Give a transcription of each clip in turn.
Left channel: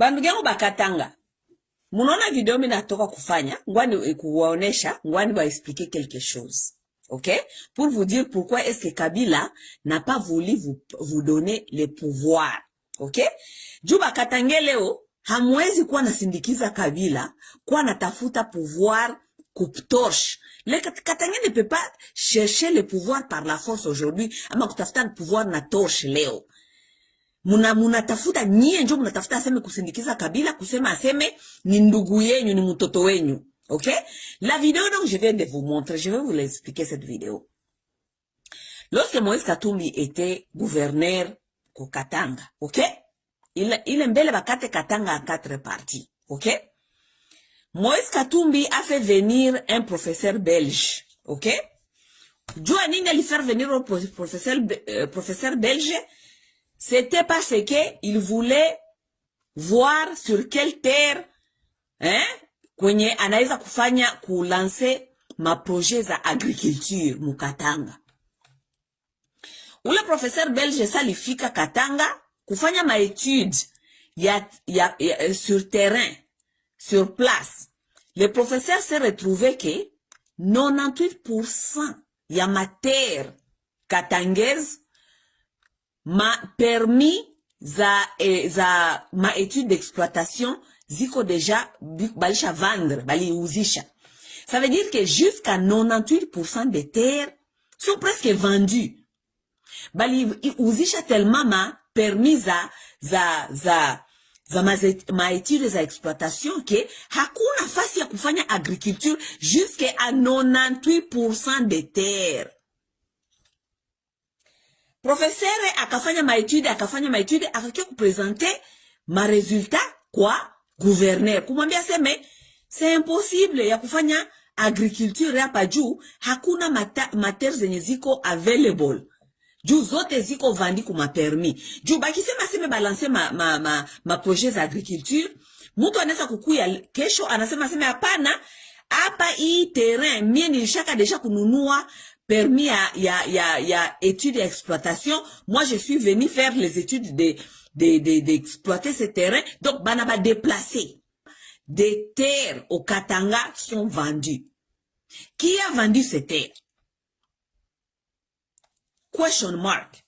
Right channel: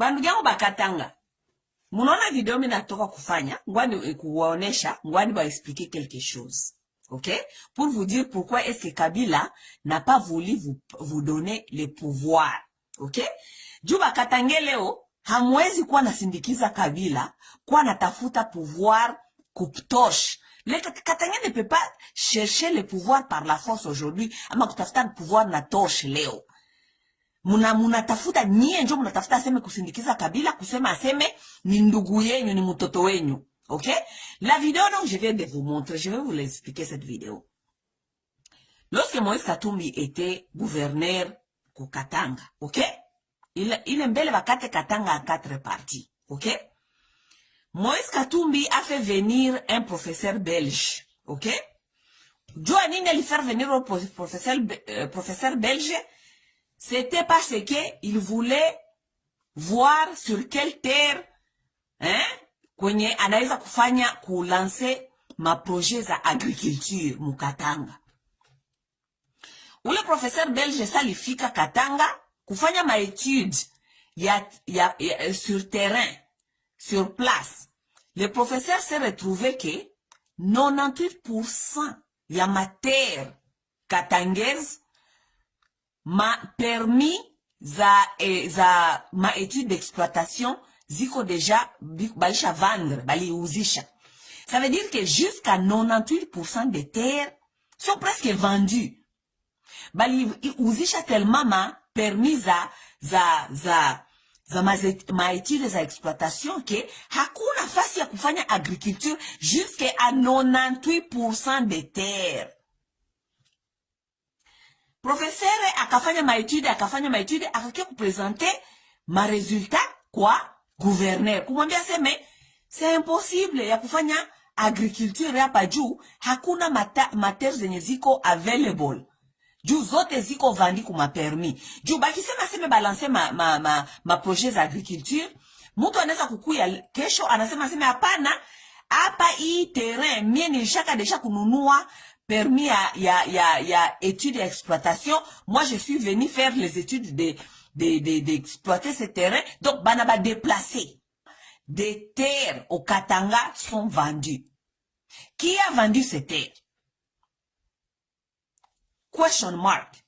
Bandugu yangu bakatanga. Munaona video mimi natoka kufanya, ngwani kuwaonesha, ngwani ba expliquer quelque chose. OK? Pour vous dire pourquoi est-ce que Kabila n'a pas voulu vous donner le pouvoir. OK? Juba katange leo, hamwezi kuwa nasindikiza Kabila, kuwa natafuta pouvoir coupe-torche. Le Katange ne peut pas chercher le pouvoir par la force aujourd'hui, ama kutafuta le pouvoir na torche leo. Muna tafuta nyie njo munatafuta aseme kusindikiza Kabila, kusema aseme ni ndugu yenyu, ni mtoto wenyu. OK? La vidéo donc je viens de vous montrer, je vais vous l'expliquer cette vidéo. Lorsque Moïse Katumbi était gouverneur au Katanga, OK? Il mbele bakate Katanga en 4 parties, OK? Moïse Katumbi a fait venir un professeur belge, OK? Joa nini ali faire venir un professeur belge? C'était parce que il voulait voir sur quelle terre, hein, kwenye anaweza kufanya kulancer ma projet za agriculture mukatanga. Ule professeur belge salifika Katanga kufanya ma étude sur terrain, sur place. Le professeur s'est retrouvé que 98% ya ma terre katangaise ma permis ma étude d'exploitation ziko déjà balisha vendre, bali uzisha. Ça veut dire que jusqu'à 98% des terres sont presque vendues. Bali uzisha tellement ma permis ma étude za exploitation que hakuna fasi ya kufanya agriculture jusqu'à 98% des terres. Professeur akafanya ma étude, akakia kupresenter ma résultat kwa gouverneur. Kumwambia seme c'est impossible ya kufanya agriculture hapa juu hakuna matières zenye ziko available. Juu zote ziko vandi kuma permis. Juu bakisema seme balancer ma projet za agriculture, mtu anaweza kukuya kesho anasema seme hapana, hapa hii terrain mie nilishaka deja kununua permis ya études et exploitation. Moi, je suis venu faire les études d'exploiter ces terrains. Donc, banaba déplacé. Des terres au Katanga sont vendues. Qui a vendu ces terres? Question mark.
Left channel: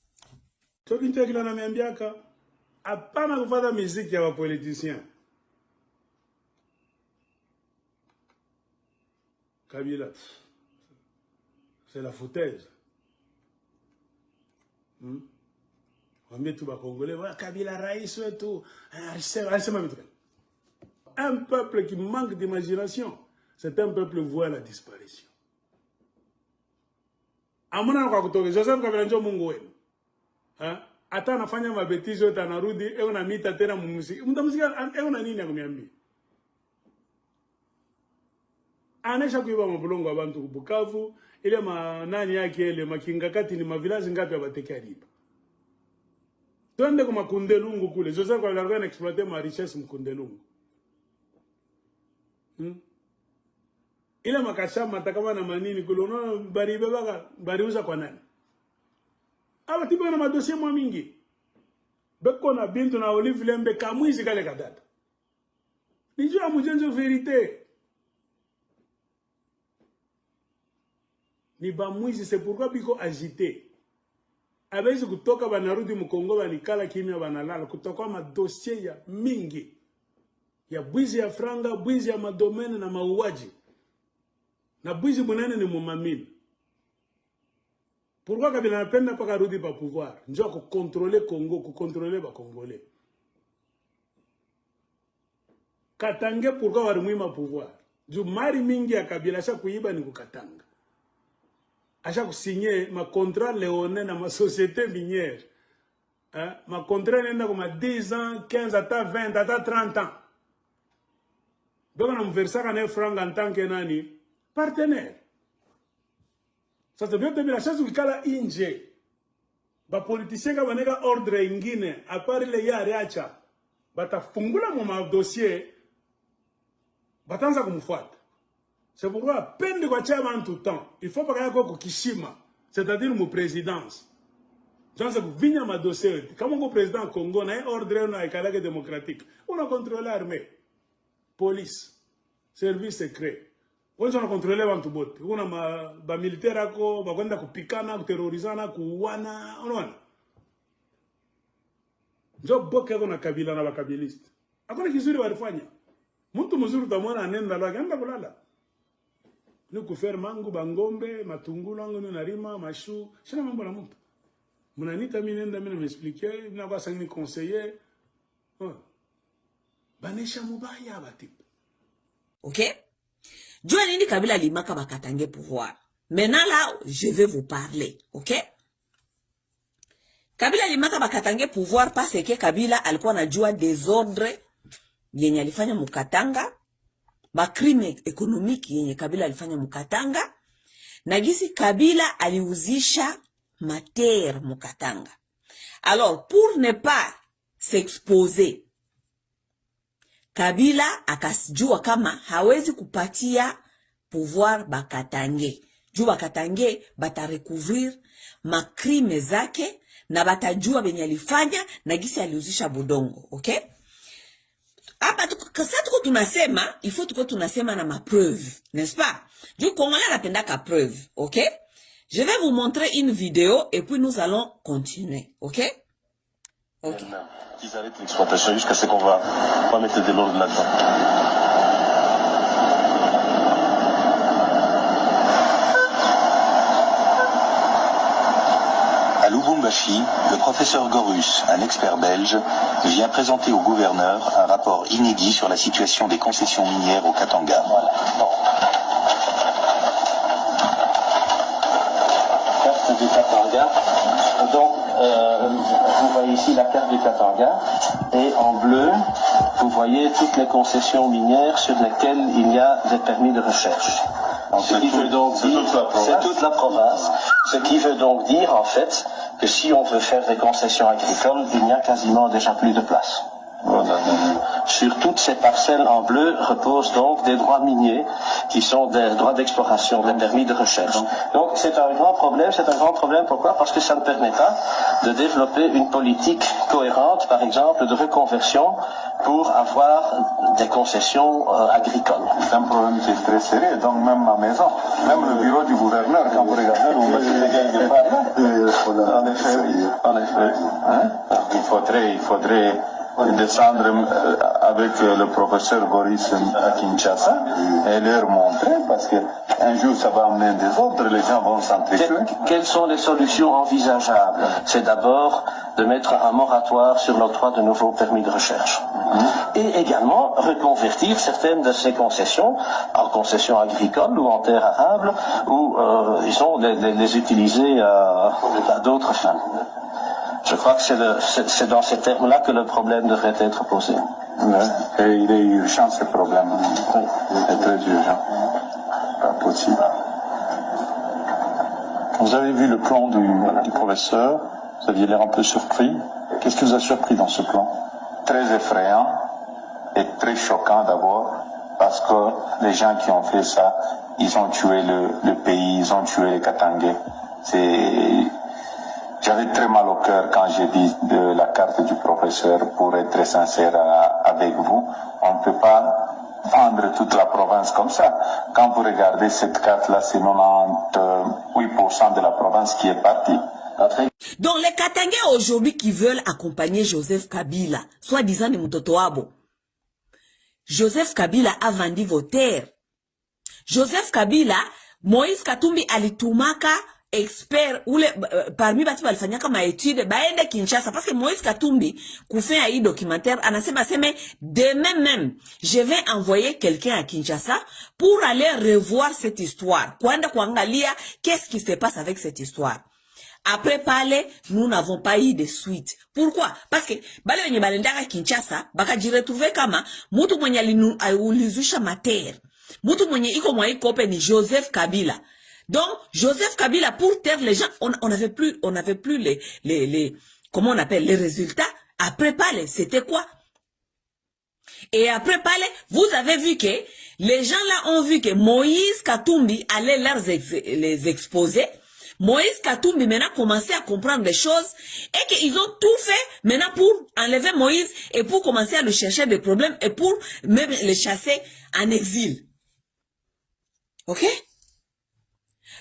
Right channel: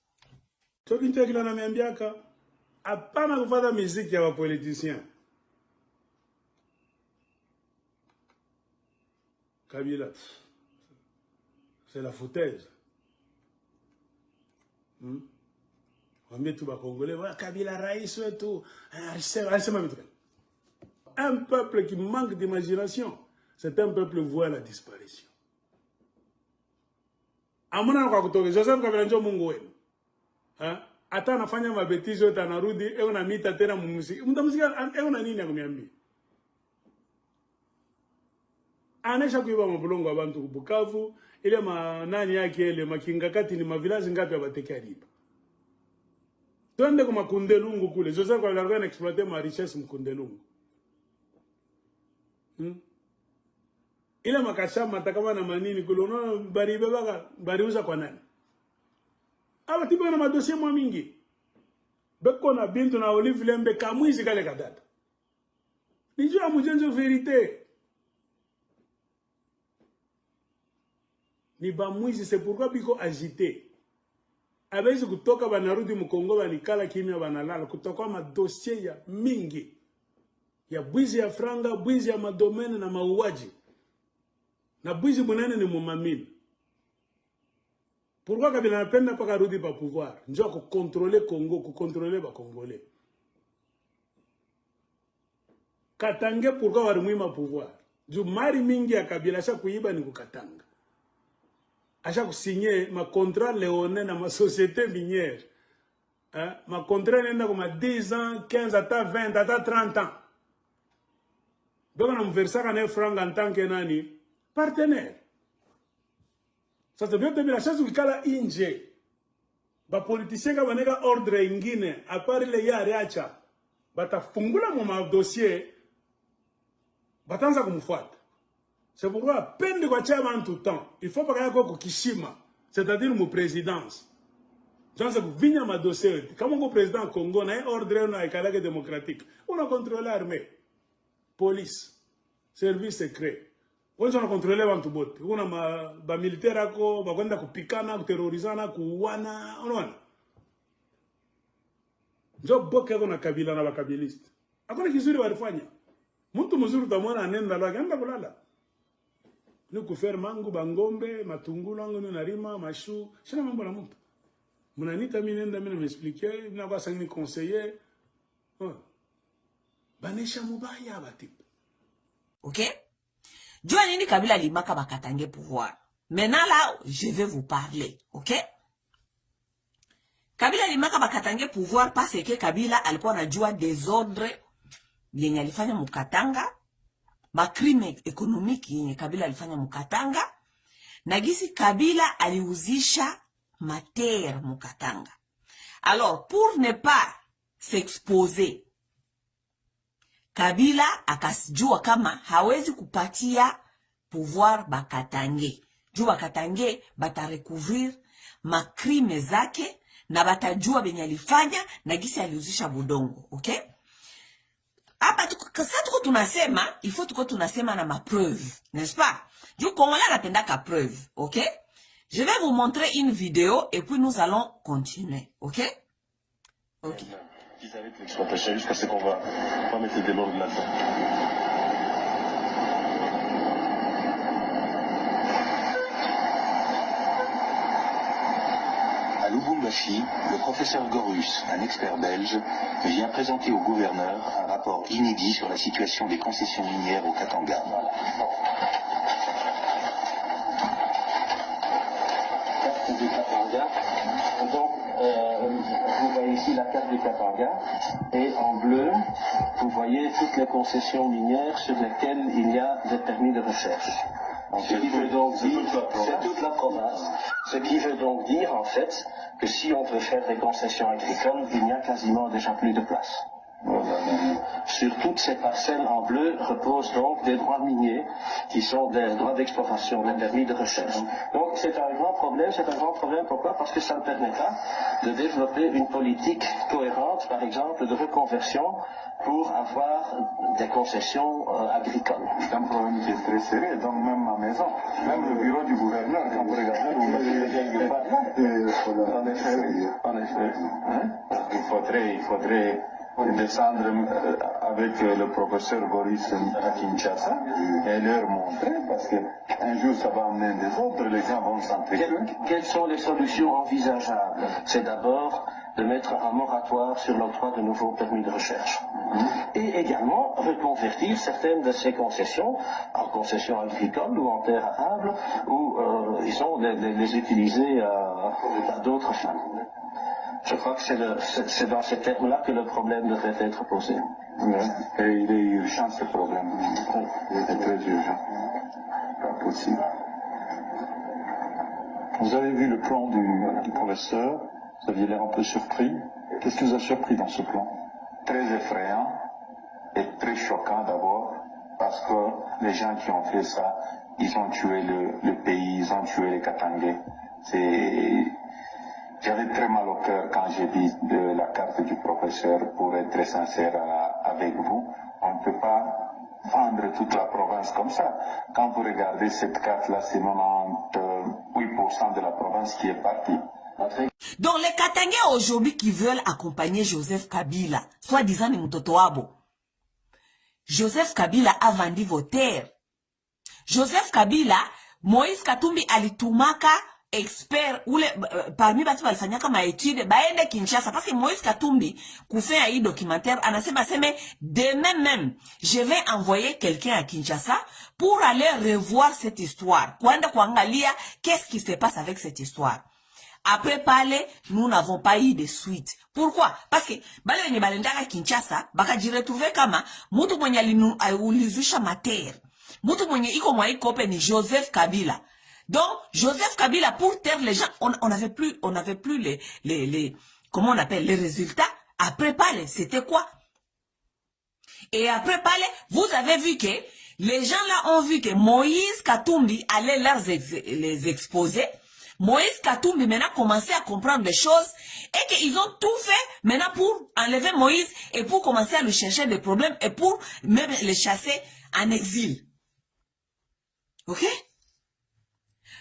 Kabila. C'est la foutaise. On met tout bas congolais, voilà, Kabila Raïs et tout. Un peuple qui manque d'imagination, c'est un peuple voué à la disparition. Amuna kwa kutoke, Joseph Kabila njo Mungu wenu. Ata anafanya mabetizo yote anarudi, na mita tena mumuziki. Mtamuzika, na nini ya kumiambia? Anesha kuiba mabulongo wa bantu Bukavu, ile nani yake ile makingakati ni mavilazi ngapi abateke alipa. Twende kwa Makundelungu kule. Joseph kwa larga na exploiter ma richesse Mkundelungu. Ile makashama atakama na manini kule unaona bariuza kwa nani? Aba tiba na madossier mwa mingi. Beko na Bintu na Olive Lembe kamwizi kale kadata. Nijua mujenzo verite. Ni bamwizi, c'est pourquoi biko agité. Abezi kutoka banarudi Mkongo banikala kimya banalala kutoka madossier ya mingi. Ya bwizi ya franga, bwizi ya madomene na mauaji. Na bwizi munene ni mumamini. Pourquoi Kabila anapenda paka rudi pa pouvoir? Njoo ku contrôler Congo, ku contrôler ba Congolais. Katange pourquoi warimwima pouvoir? Juu mari mingi ya Kabila asha kuiba ni kukatanga. Asha kusigner ma contrat léonin na ma société minière. Ma contrat nenda comme 10 ans, 15 ata 20 ata 30 ans. Donc on a versé un franc en tant que nani partenaire. Ça te veut dire la chance ukala inje. Ba politicien ka baneka ordre ingine à part le ya riacha. Batafungula mu dossier batanza kumfuata. C'est pourquoi, peine de quoi tu as tout le temps, il faut pas qu'il y ait Kishima, c'est-à-dire mon présidence. Janza kuvinya madossier. Kama uko président Congo na ordre na ikalake démocratique. On a contrôlé l'armée, police, service secret. On a contrôlé bantu bote. On a ba militaire ako bakwenda kupikana, kuterrorizana, kuuana, unaona. Njo boke ako na kabila na bakabiliste. Hakuna kizuri walifanya. Mtu mzuri utamwona anenda lake anda kulala. Ni kufer mangu bangombe, matungulu angu ni narima, mashu, shina mambo na mtu. Mnanita mimi nenda mimi m'expliquer, mimi kwa sangi conseiller. Banesha mubaya batipe. OK? Jua nini Kabila limaka bakatange pouvoir. Maintenant là, je vais vous parler, OK? Kabila limaka bakatange pouvoir parce que Kabila alikuwa anajua désordre yenye alifanya mukatanga, ba crime économique yenye Kabila alifanya mukatanga, na gisi Kabila aliuzisha mater mukatanga. Alors, pour ne pas s'exposer, Kabila akasijua kama hawezi kupatia pouvoir bakatange. Juu bakatange batarecouvrir makrime zake na batajua benye alifanya na gisi aliuzisha budongo, okay? Hapa tuko tunasema, il faut tuko tunasema na ma preuve, n'est-ce pas? Juu Congolais anapenda ka preuve, okay? Je vais vous montrer une vidéo et puis nous allons continuer, ok? Ok. Qu'ils arrêtent l'exploitation jusqu'à ce qu'on va mettre de l'ordre là-dedans. À Lubumbashi, le professeur Gorus, un expert belge, vient présenter au gouverneur un rapport inédit sur la situation des concessions minières au Katanga. Voilà. Bon. Carte du Katanga. Donc, vous voyez ici la carte du Katanga et en bleu, vous voyez toutes les concessions minières sur lesquelles il y a des permis de recherche. Donc, ce qui veut donc dire, c'est toute la province. Ce qui veut donc dire en fait que si on veut faire des concessions agricoles, il n'y a quasiment déjà plus de place. Voilà. Sur toutes ces parcelles en bleu reposent donc des droits miniers qui sont des droits d'exploration, des permis de recherche. Donc c'est un grand problème. C'est un grand problème. Pourquoi? Parce que ça ne permet pas de développer une politique cohérente, par exemple, de reconversion pour avoir des concessions agricoles. C'est un problème qui est très sérieux. Donc même ma maison, même le bureau du gouverneur, quand vous regardez, vous mettez quelque part. En effet, oui. En effet. Hein? Il faudrait descendre avec le professeur Boris à Kinshasa et leur montrer, parce qu'un jour ça va amener des ordres, les gens vont s'entretuer. Quelles sont les solutions envisageables? C'est d'abord de mettre un moratoire sur l'octroi de nouveaux permis de recherche. Et également reconvertir certaines de ces concessions en concessions agricoles ou en terres arables, ou disons, les utiliser à d'autres fins. Je crois que c'est dans ces termes-là que le problème devrait être posé. Ouais. Et il est urgent ce problème. Oui. Il est très urgent. Pas possible. Vous avez vu le plan du professeur, vous aviez l'air un peu surpris. Qu'est-ce qui vous a surpris dans ce plan? Très effrayant et très choquant d'abord, parce que les gens qui ont fait ça, ils ont tué le pays, ils ont tué les Katangais. J'avais très mal au cœur quand j'ai dit de la carte du professeur, pour être très sincère avec vous. On ne peut pas vendre toute la province comme ça. Quand vous regardez cette carte-là, c'est 98% de la province qui est partie. Donc les Katangais aujourd'hui qui veulent accompagner Joseph Kabila, soi-disant ni mtoto wabo. Joseph Kabila a vendu vos terres. Joseph Kabila, Moïse Katumbi alitumaka expert ou parmi batu balifanyaka ma étude baende Kinshasa parce que Moïse Katumbi kufanya hii documentaire anasema seme demain même je vais envoyer quelqu'un à Kinshasa pour aller revoir cette histoire, kwenda kuangalia qu'est-ce qui se passe avec cette histoire. Après parler, nous n'avons pas eu de suite. Pourquoi? Parce que bale wenye balendaka Kinshasa bakajiretrouver kama mutu mwenye aliuzisha mater, mutu mwenye iko mwa ikope ni Joseph Kabila. Donc, Joseph Kabila, pour taire les gens, on n'avait plus les comment on appelle, les résultats. Après parler, c'était quoi? Et après parler, vous avez vu que les gens là ont vu que Moïse Katumbi allait les exposer. Moïse Katumbi maintenant commencé à comprendre des choses et qu'ils ont tout fait maintenant pour enlever Moïse et pour commencer à lui chercher des problèmes et pour même le chasser en exil. Ok?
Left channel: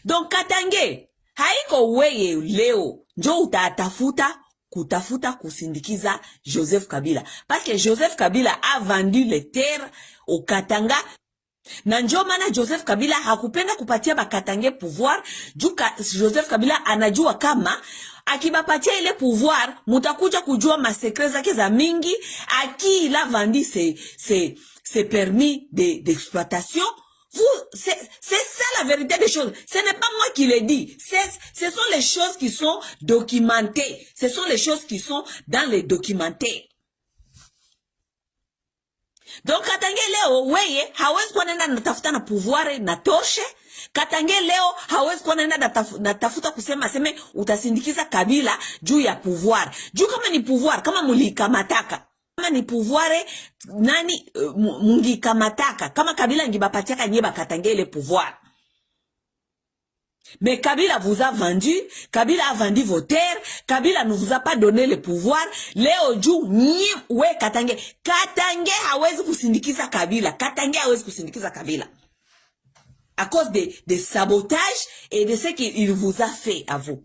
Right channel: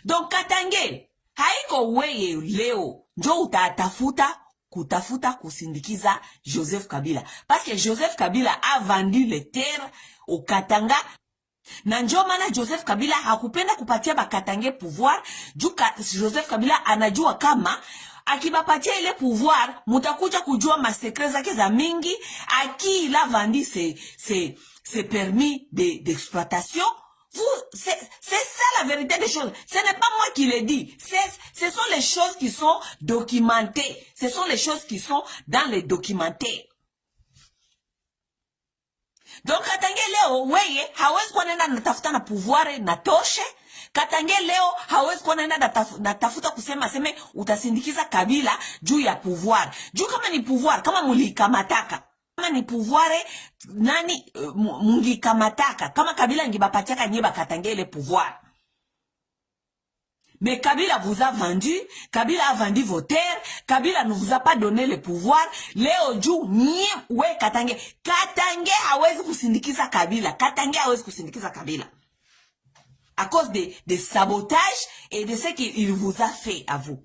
Donc Katange, haiko weye leo, njo utatafuta kutafuta kusindikiza Joseph Kabila. Parce que Joseph Kabila a vendu les terres au Katanga. Na njo maana Joseph Kabila hakupenda kupatia bakatange pouvoir. Joseph Kabila anajua kama akibapatia ile pouvoir mutakuja kujua masekre zake za mingi. Aki il a vendu ses permis d'exploitation. C'est ça la vérité des choses. Ce n'est pas moi qui le dis. Ce sont les choses qui sont documentées. Ce sont les choses qui sont dans les documentaires. Donc Katange leo weye hawezi kuwa nenda natafuta na pouvoir na toshe. Katange leo hawezi kuwa nenda natafuta kusema seme utasindikiza Kabila juu ya pouvoir. Juu kama ni pouvoir, kama mulikamataka. Kama ni pouvoir nani mungikamataka. Kama Kabila ngibapatiaka nyeba Katange le pouvoir. Mais Kabila vous a vendu, Kabila a vendu vos terres, Kabila ne vous a pas donné le pouvoir. Leo juu nye we Katange. Katange hawezi kusindikiza Kabila. Katange hawezi kusindikiza Kabila. À cause des sabotages et de ce qu'il vous a fait à vous.